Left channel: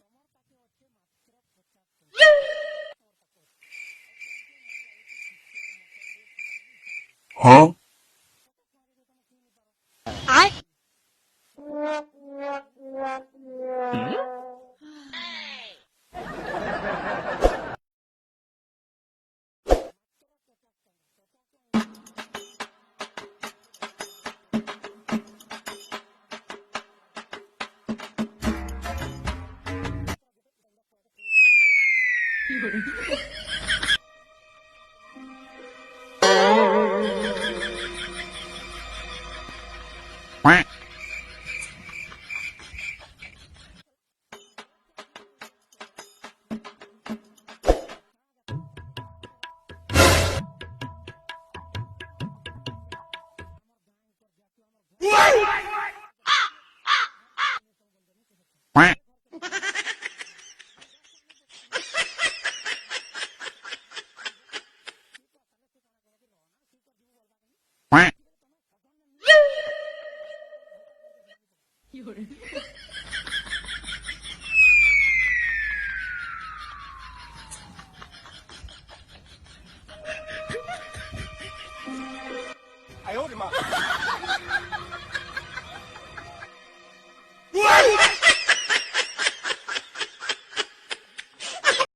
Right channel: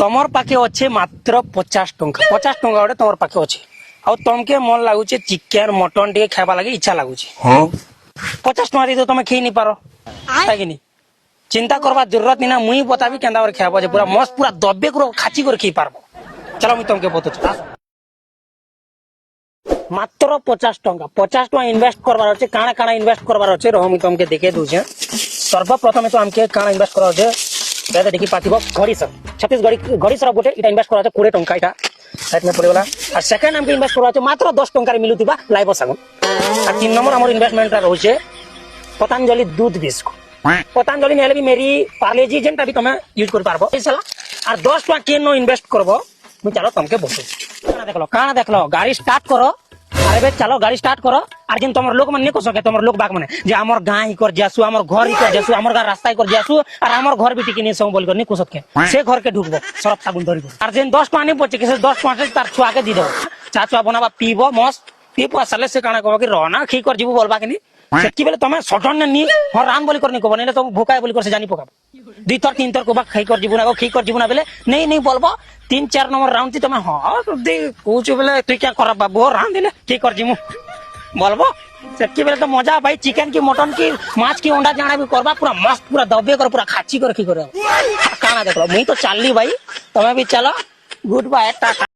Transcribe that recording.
তোমার পাখে আছে মাত্র 50 টঙ্কা 50 টঙ্কা গোটে তোমার পাখে আছে আর তোমাকে মন লাগুছে চিকেন মটন টিকে খাইবা লাগে ইচ্ছা লাগুছে 50 টঙ্কা দিয়ে তো তুমি খেয়ে নি পারো কিনি চিন্তা করবার জরুরত নি না মুই বতাবি কেন্দা করে খাইব যে পুরা মস্ত পুরা দব্বে করে খাচি করে খেয়ে পারবো চলো আমি তোমাকে বলতে মাত্র 50 টঙ্কা 50 টঙ্কা ইনভেস্ট করবার আছে কাଣା কাଣା ইনভেস্ট করবার আছে রহ আমি তোমাকে দেখে দউছে সর্বপ্রথমে তো আমাকে কাଣା ইনভেস্ট করা আছে এটা দেখি পাতিব ঘড়িসর ছত্তিশগড়ি ঘড়িসর গোটে এটা ইনভেস্ট করা আছে 20 টঙ্কা এটা এতনে পড়েগলা আর সেকেন্ড আমাকে ইনভেস্ট করা আছে মাত্র 10 টঙ্কার মিলুতিবা লাইভ সাগুন আর 3 নম্বর আমার ইনভেস্টমেন্টটা রয়েছে পতঞ্জলি দুধ বিস্কুট পতঞ্জলি নেলে भी मेरी पार्ले जी जेंटा भी তুমি ইউজ করতে পারবো এই সালা আর 10 টাকা কেন ইনভেস্ট করব আমি চলো তোমাকে বলছি কানা দেখলো গাড়ি স্টার্ট করো আরে চলো গাড়ি স্টার্ট করো আর যেন তোমার লোক মানে কো সকে তোমার লোক বাগ মানে যে আমার গাঁ ই কর যাসু আমার ঘর ই কর যাসু আমার গা রাস্তায় কর যাসু আর আমার ঘর বিটি কিনে সব বল কর নি কো সকে সে ঘরকে ঢুকবো সরব সাগুন ধরিব আর যেন 10 টাকা নি পড়ছে কি 10 টাকা তার ছুয়াকে দি দেব চা চা বনাবা পিবো মস্ত পিবো আসলে সে কানা কব কি রনা খি কর জিবু বলবা কি কি বলে তুমি সটন নি হর রান বলি করনি কব নেলে তো ভোকায় বলি করছে জানি পকাব দুই তর তিন তর কোবা খাই কর জীবন আগো খি কর জীবন বলে নেই নেই বলবো 3-4 নম্বর রাউন্ড তুমি হ্যাঁ দে কুচু বলে তুই কি করা বাবু রান দিলে কি কর জিমু বলবো কি বলে তো মজা ভাই চিকেন কি মটন কি মাছ কি अंडा জানা भी করবা পুরা মস্ত পুরা দবে করে পুরা খাচ্ছি করে কি করে কানা দেখো মুই তো চাললি ভাই তুমি भी चलो गुड बाय